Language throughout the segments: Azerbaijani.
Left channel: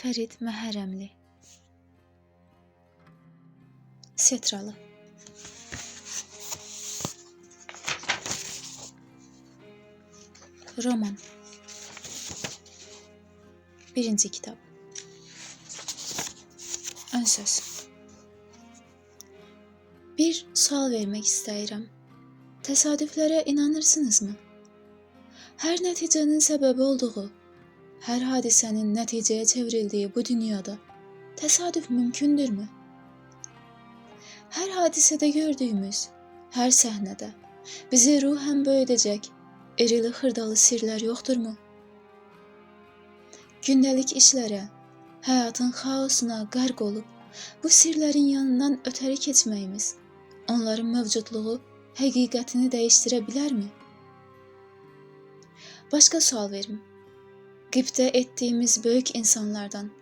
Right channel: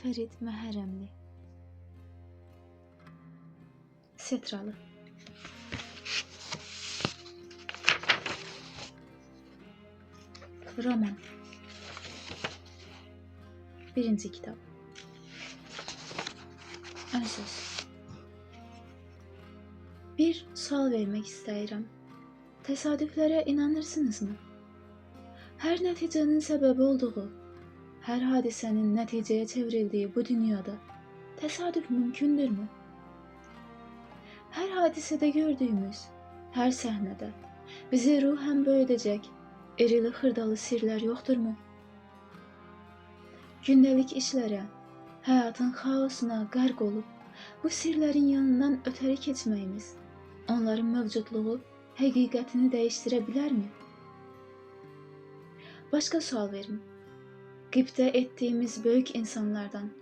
Fərid Məhərrəmli. Setralı. Roman. Birinci kitab. Ön söz. Bir sual vermək istəyirəm. Təsadüflərə inanırsınızmı? Hər nəticənin səbəbi olduğu, hər hadisənin nəticəyə çevrildiyi bu dünyada təsadüf mümkündürmü? Hər hadisədə gördüyümüz, hər səhnədə bizi ruhən böyüdəcək irili xırdalı sirlər yoxdurmu? Gündəlik işlərə, həyatın xaosuna qərq olub, bu sirlərin yanından ötəri keçməyimiz, onların mövcudluğu həqiqətini dəyişdirə bilərmi? Başqa sual verim. Qibtə etdiyimiz böyük insanlardan,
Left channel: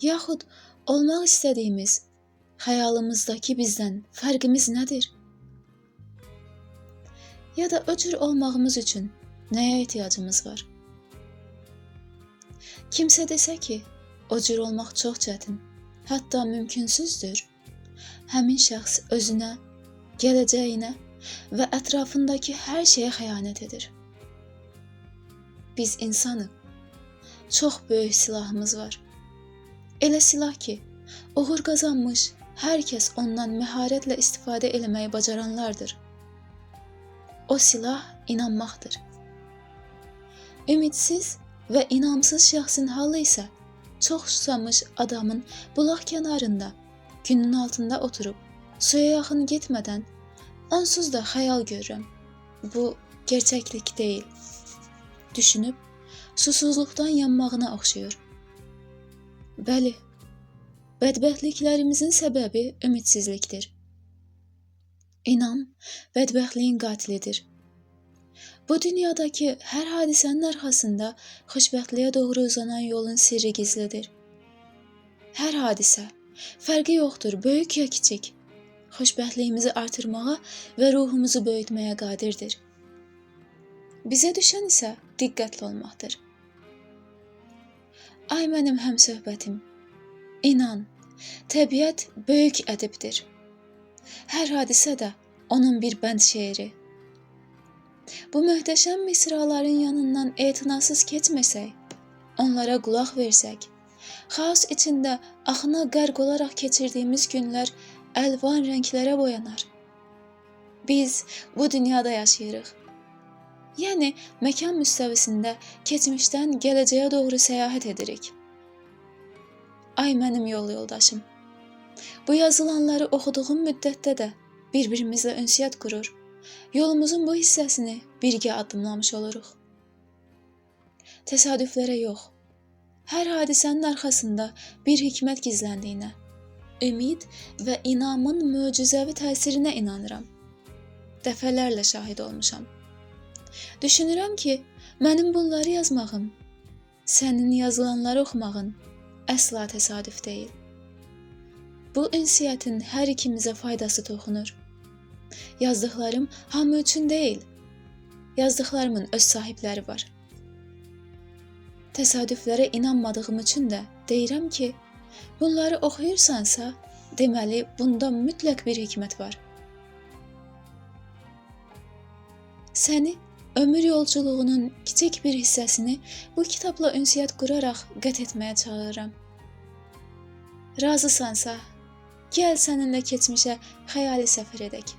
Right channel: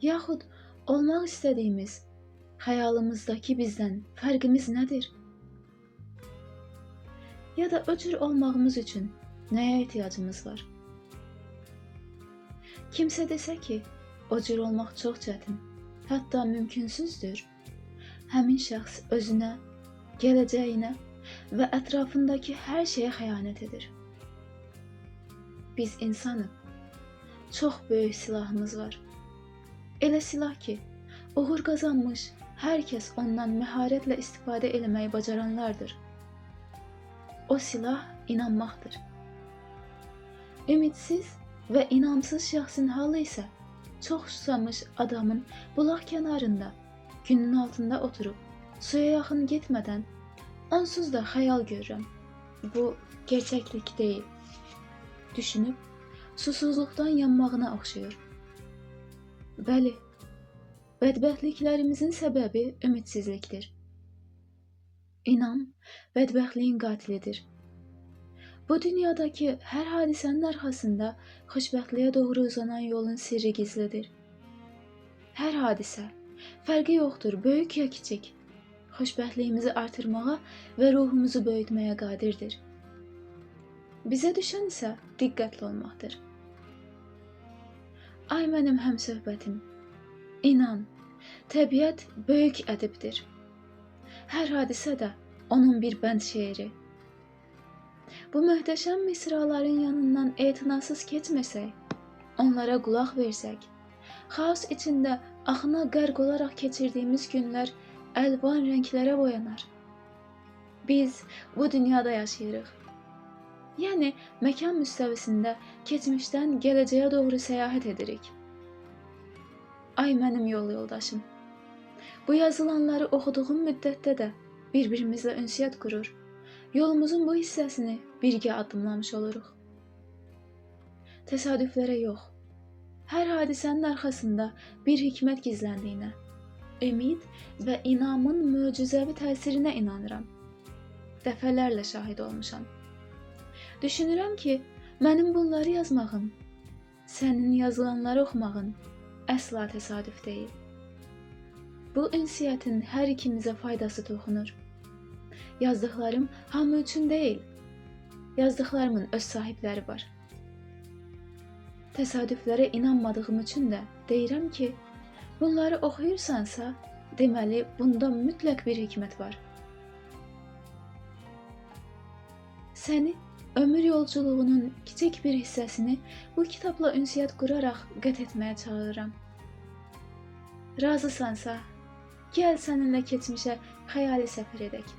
yaxud olmaq istədiyimiz, xəyalımızdakı bizdən fərqimiz nədir? Ya da o cür olmağımız üçün nəyə ehtiyacımız var? Kimsə desə ki, o cür olmaq çox çətin, hətta mümkünsüzdür. Həmin şəxs özünə, gələcəyinə və ətrafındakı hər şeyə xəyanət edir. Biz insanıq. Çox böyük silahımız var. Elə silah ki, uğur qazanmış hər kəs ondan məharətlə istifadə eləməyi bacaranlardır. O silah inanmaqdır. Ümidsiz və inamsız şəxsin halı isə çox susamış adamın bulaq kənarında, günün altında oturub, suya yaxın getmədən onsuz da xəyal görürəm. Bu gerçəklik deyil. Düşünüb, susuzluqdan yanmağına oxşuyur. Bəli, bədbəxtliklərimizin səbəbi ümidsizlikdir. İnam bədbəxtliyin qatilidir. Bu dünyadakı hər hadisənin arxasında xoşbəxtliyə doğru uzanan yolun sirri gizlidir. Hər hadisə, fərqi yoxdur, böyük ya kiçik, xoşbəxtliyimizi artırmağa və ruhumuzu böyütməyə qadirdir. Bizə düşən isə diqqətli olmaqdır. Ay mənim həmsöhbətim, inan, təbiət böyük ədibdir. Hər hadisə də onun bir bənd şeiri. Bu möhtəşəm misraların yanından etinasız keçməsək, onlara qulaq versək, xaos içində axına qərq olaraq keçirdiyimiz günlər əlvan rənglərə boyanar. Biz bu dünyada yaşayırıq. Yəni, məkan müstəvisində keçmişdən gələcəyə doğru səyahət edirik. Ay mənim yol yoldaşım, bu yazılanları oxuduğum müddətdə də bir-birimizlə ünsiyyət qurur, yolumuzun bu hissəsini birgə addımlamış oluruq. Təsadüflərə yox, hər hadisənin arxasında bir hikmət gizləndiyinə, ümid və inamın möcüzəvi təsirinə inanıram. Dəfələrlə şahid olmuşam. Düşünürəm ki, mənim bunları yazmağım, sənin yazılanları oxumağın əsla təsadüf deyil. Bu ünsiyyətin hər ikimizə faydası toxunur. Yazdıqlarım hamı üçün deyil, yazdıqlarımın öz sahibləri var. Təsadüflərə inanmadığım üçün də deyirəm ki, bunları oxuyursansa, deməli, bunda mütləq bir hikmət var. Səni ömür yolculuğunun kiçik bir hissəsini bu kitabla ünsiyyət quraraq qət etməyə çağırıram. Razısansa, gəl səninlə keçmişə xəyali səfər edək.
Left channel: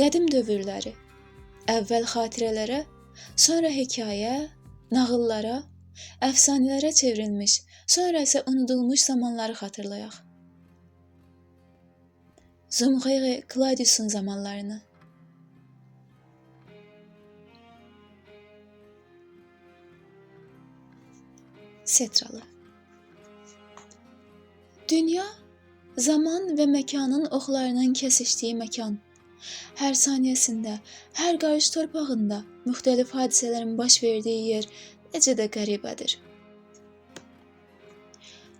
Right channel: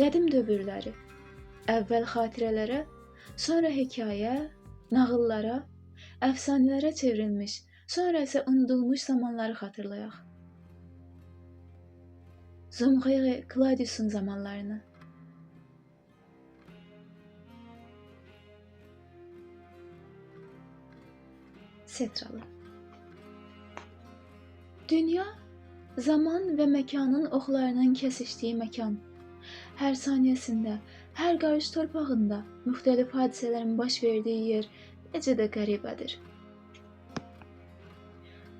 Qədim dövrləri, əvvəl xatirələrə, sonra hekayə, nağıllara, əfsanələrə çevrilmiş, sonra isə unudulmuş zamanları xatırlayaq. Zumxeği Claudius'un zamanlarını. Setralı. Dünya, zaman və məkanın oxlarının kəsişdiyi məkan. Hər saniyəsində, hər qarış torpağında müxtəlif hadisələrin baş verdiyi yer necə də qəribədir.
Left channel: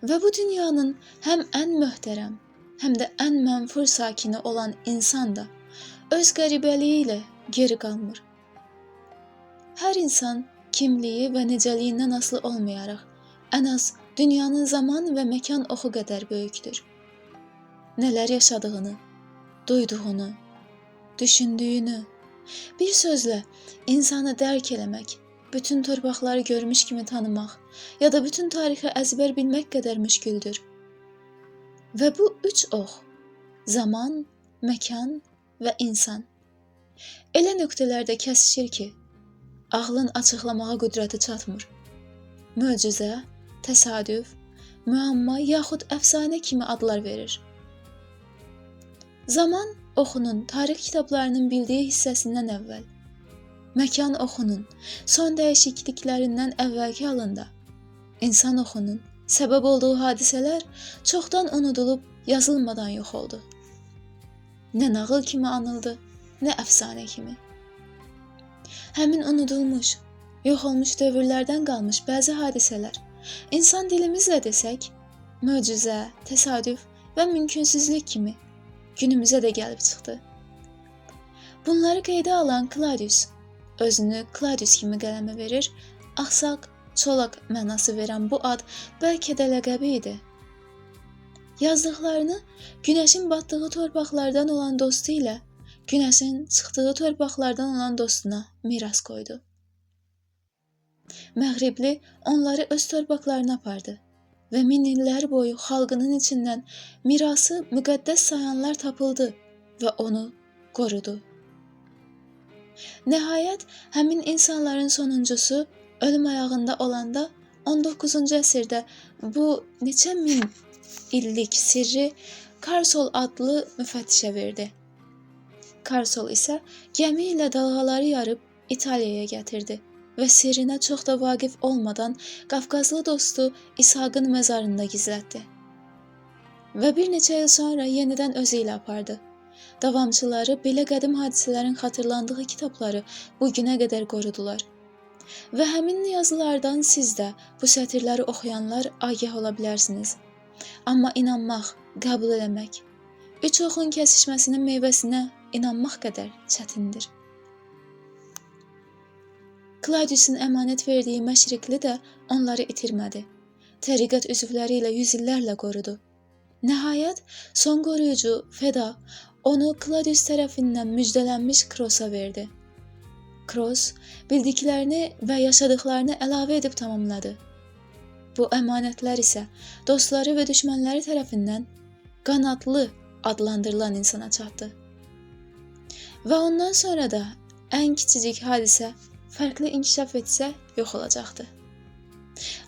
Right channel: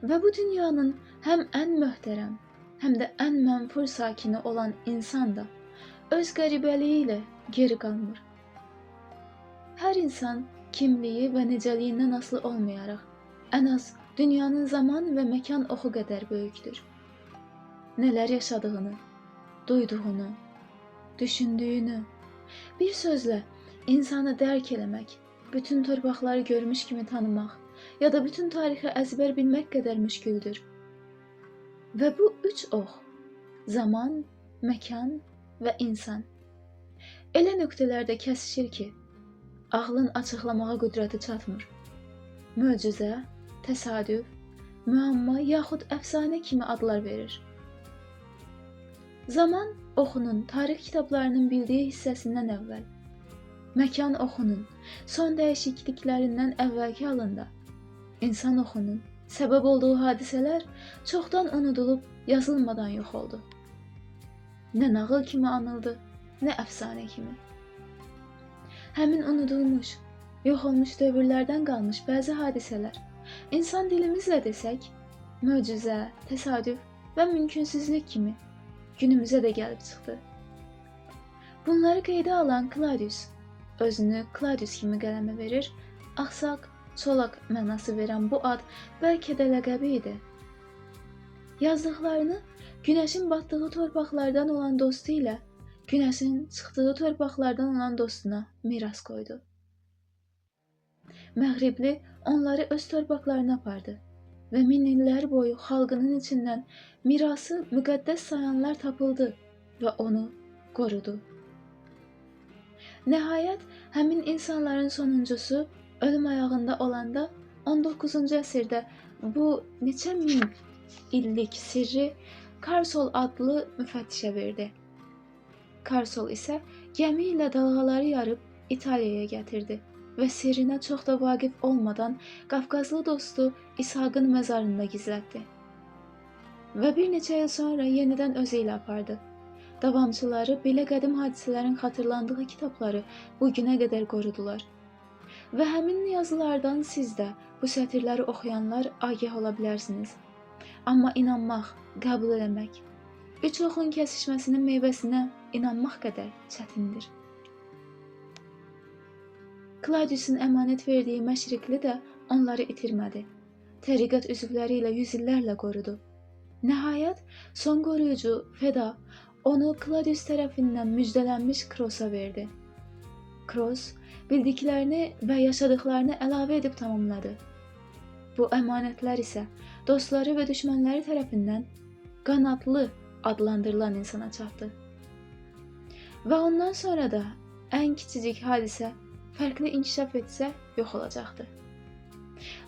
Və bu dünyanın həm ən möhtərəm, həm də ən mənfur sakini olan insan da öz qəribəliyi ilə geri qalmır. Hər insan kimliyi və necəliyindən asılı olmayaraq ən az dünyanın zaman və məkan oxu qədər böyükdür. Nələr yaşadığını, duyduğunu, düşündüyünü, bir sözlə insanı dərk eləmək, bütün torpaqları görmüş kimi tanımaq ya da bütün tarixi əzbər bilmək qədər müşküldür. Və bu üç ox, zaman, məkan və insan, elə nöqtələrdə kəsişir ki, ağlın açıqlamağa qüdrəti çatmır. Möcüzə, təsadüf, müəmma yaxud əfsanə kimi adlar verir. Zaman oxunun tarix kitablarının bildiyi hissəsindən əvvəl, məkan oxunun son dəyişikliklərindən əvvəlki halında, insan oxunun səbəb olduğu hadisələr çoxdan unudulub yazılmadan yox oldu. Nə nağıl kimi anıldı, nə əfsanə kimi. Həmin unudulmuş, yox olmuş dövrlərdən qalmış bəzi hadisələr, insan dilimizlə desək, möcüzə, təsadüf və mümkünsüzlük kimi günümüzə də gəlib çıxdı. Bunları qeydə alan Claudius, özünü Claudius kimi qələmə verir, axsaq, çolaq mənası verən bu ad bəlkə də ləqəbi idi. Yazdıqlarını günəşin batdığı torpaqlardan olan dostu ilə günəşin çıxdığı torpaqlardan olan dostuna miras qoydu. Məğribli onları öz torpaqlarına apardı və min illər boyu xalqının içindən mirası müqəddəs sayanlar tapıldı və onu qorudu. Nəhayət, həmin insanların sonuncusu ölüm ayağında olanda 19-cu əsrdə bu neçə min illik sirri Karsol adlı müfəttişə verdi. Karsol isə gəmi ilə dalğaları yarıb İtaliyaya gətirdi və sirrinə çox da vaqif olmadan Qafqazlı dostu İshaqın məzarında gizlətdi. Və bir neçə il sonra yenidən özü ilə apardı. Davamçıları belə qədim hadisələrin xatırlandığı kitabları bu günə qədər qorudular. Və həmin yazılardan siz də bu sətirləri oxuyanlar agah ola bilərsiniz. Amma inanmaq, qəbul eləmək, üç oxun kəsişməsinin meyvəsinə inanmaq qədər çətindir. Claudius'un əmanət verdiyi məşriqli də onları itirmədi. Təriqət üzvləri ilə yüzillərlə qorudu. Nəhayət, son qoruyucu Feda onu Claudius tərəfindən müjdələnmiş Krosa verdi. Kros bildiklərini və yaşadıqlarını əlavə edib tamamladı. Bu əmanətlər isə dostları və düşmənləri tərəfindən qanadlı adlandırılan insana çatdı. Və ondan sonra da ən kiçicik hadisə fərqli inkişaf etsə yox olacaqdı.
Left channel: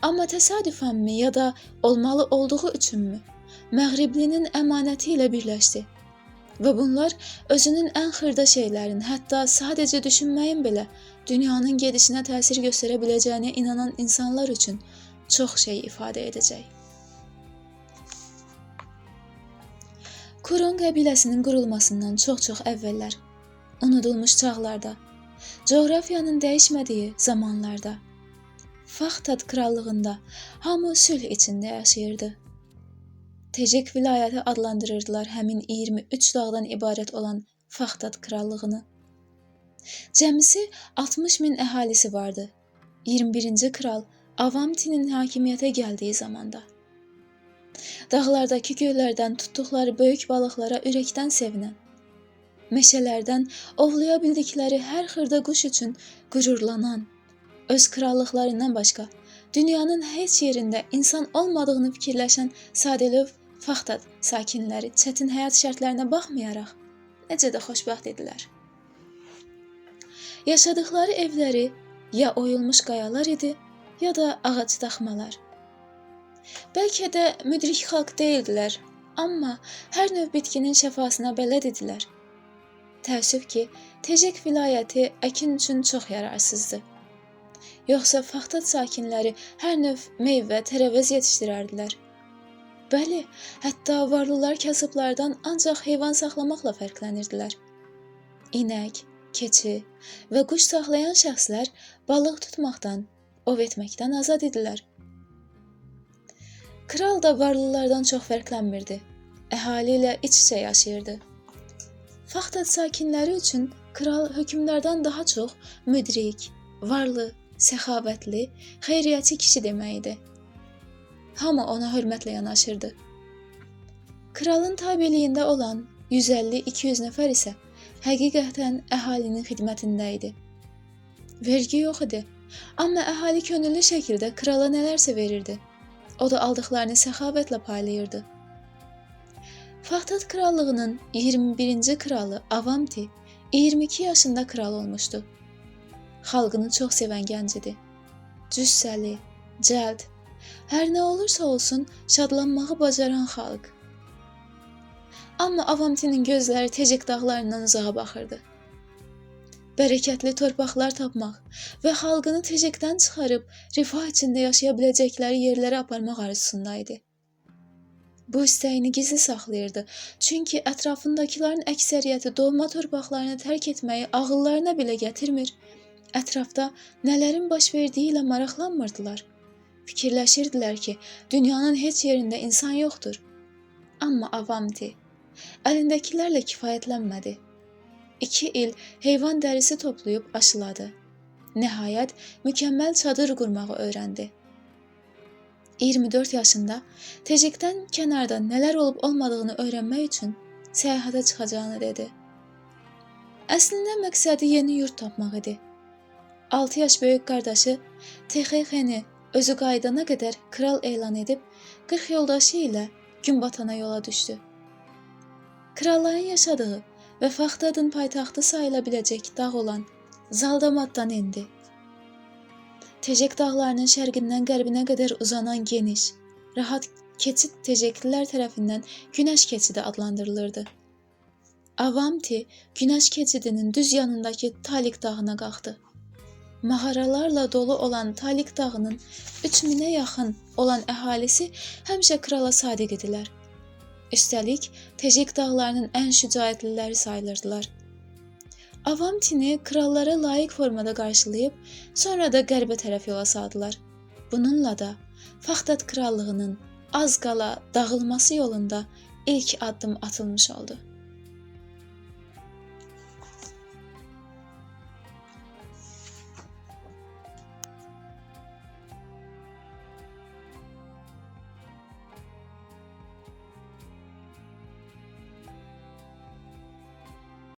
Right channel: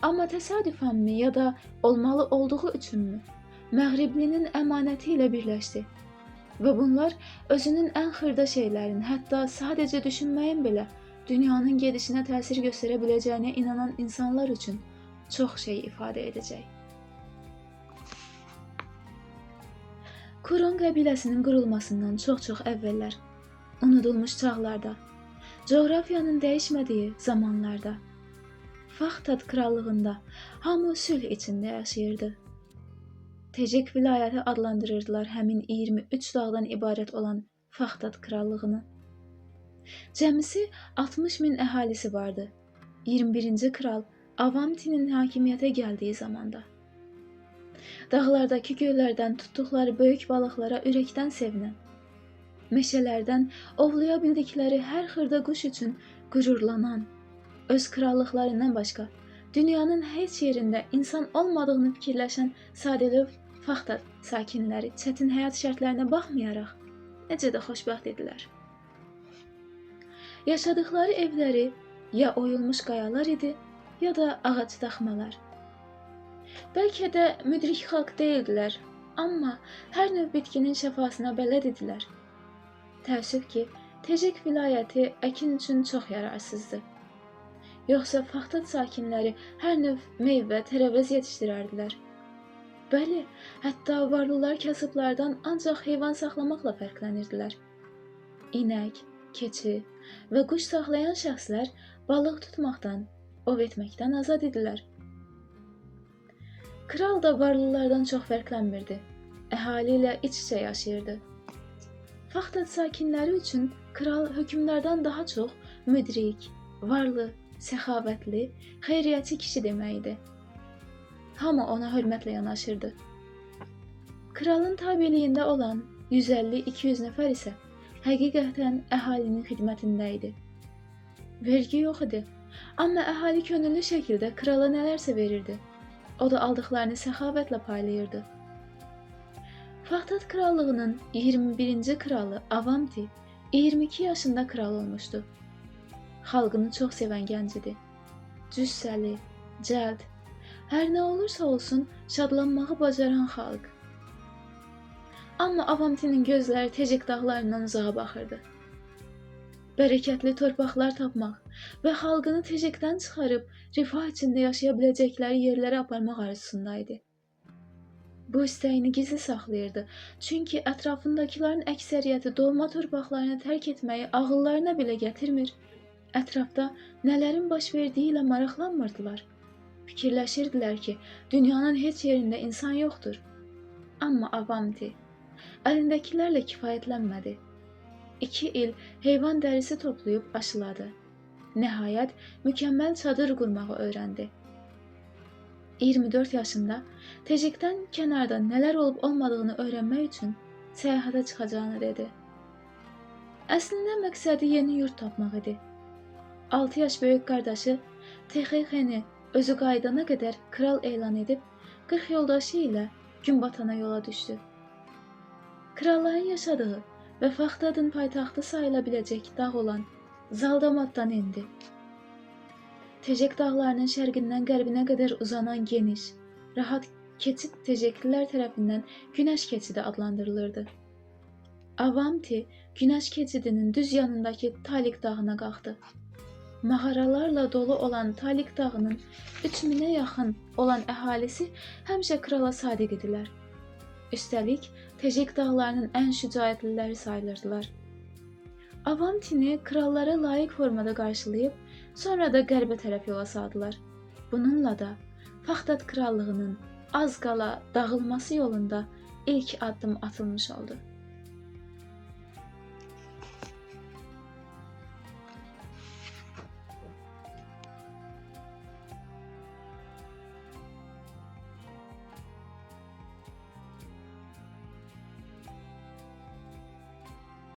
Amma təsadüfənmi ya da olmalı olduğu üçünmü Məğriblinin əmanəti ilə birləşdi və bunlar özünün ən xırda şeylərin, hətta sadəcə düşünməyin belə dünyanın gedişinə təsir göstərə biləcəyinə inanan insanlar üçün çox şey ifadə edəcək. Kuron qəbiləsinin qurulmasından çox-çox əvvəllər, unudulmuş çağlarda, coğrafiyanın dəyişmədiyi zamanlarda, Faxtad krallığında hamı sülh içində yaşayırdı. Tecik vilayəti adlandırırdılar həmin 23 dağdan ibarət olan Faxtad krallığını. Cəmisi 60 min əhalisi vardı. 21-ci kral Avamtinin hakimiyyətə gəldiyi zamanda. Dağlardakı göllərdən tutduqları böyük balıqlara ürəkdən sevinən, meşələrdən ovlaya bildikləri hər xırda quş üçün qürurlanan, öz krallıqlarından başqa dünyanın heç yerində insan olmadığını fikirləşən sadəlöv Faxtad sakinləri çətin həyat şərtlərinə baxmayaraq necə də xoşbəxt idilər. Yaşadıqları evləri ya oyulmuş qayalar idi, ya da ağac daxmalar. Bəlkə də müdrik xalq deyildilər, amma hər növ bitkinin şəfasına bələd idilər. Təəssüf ki, Tecik vilayəti əkin üçün çox yararsızdı. Yoxsa Faxtad sakinləri hər növ meyvə, tərəvəz yetişdirərdilər. Bəli, hətta varlılar kasıblardan ancaq heyvan saxlamaqla fərqlənirdilər. İnək, keçi və quş saxlayan şəxslər balıq tutmaqdan, ov etməkdən azad idilər. Kral da varlılardan çox fərqlənmirdi. Əhali ilə iç-içə yaşayırdı. Faxtad sakinləri üçün kral hökmlərdən daha çox müdrik, varlı, səxavətli, xeyriyyətçi kişi demək idi. Hamı ona hörmətlə yanaşırdı. Kralın tabeliyində olan 150-200 nəfər isə həqiqətən əhalinin xidmətində idi. Vergi yox idi, amma əhali könüllü şəkildə krala nələrsə verirdi. O da aldıqlarını səxavətlə paylayırdı. Faxtat krallığının 21-ci kralı Avanti 22 yaşında kral olmuşdu. Xalqını çox sevən gənc idi. Cüssəli, cəld, hər nə olursa olsun şadlanmağı bacaran xalq. Amma Avantinin gözləri Tecik dağlarından uzağa baxırdı. Bərəkətli torpaqlar tapmaq və xalqını Tecikdən çıxarıb rifah içində yaşaya biləcəkləri yerlərə aparmaq arzusundaydı. Bu istəyini gizli saxlayırdı, çünki ətrafındakilərin əksəriyyəti doğma torpaqlarını tərk etməyi ağıllarına belə gətirmir, ətrafda nələrin baş verdiyi ilə maraqlanmırdılar. Fikirləşirdilər ki, dünyanın heç yerində insan yoxdur. Amma Avanti əlindəkilərlə kifayətlənmədi. 2 il heyvan dərisi toplayıb aşıladı. Nəhayət, mükəmməl çadır qurmağı öyrəndi. 24 yaşında Tecikdən kənarda nələr olub olmadığını öyrənmək üçün səyahətə çıxacağını dedi. Əslində məqsədi yeni yurt tapmaq idi. 6 yaş böyük qardaşı Texexeni özü qayıdana qədər kral elan edib 40 yoldaşı ilə gün batana yola düşdü. Kralların yaşadığı və Faxtadın paytaxtı sayıla biləcək dağ olan Zaldamaddan endi. Tecik dağlarının şərqindən qərbinə qədər uzanan geniş, rahat keçid Teciklilər tərəfindən Günəş keçidi adlandırılırdı. Avanti Günəş keçidinin düz yanındakı Talik dağına qalxdı. Mağaralarla dolu olan Talik dağının 3000-ə yaxın olan əhalisi həmişə krala sadiq idilər. Üstəlik, Tecik dağlarının ən şücaətliləri sayılırdılar. Avantini krallara layiq formada qarşılayıb, sonra da qərbə tərəf yola saldılar. Bununla da Faxtat krallığının az qala dağılması yolunda ilk addım atılmış oldu.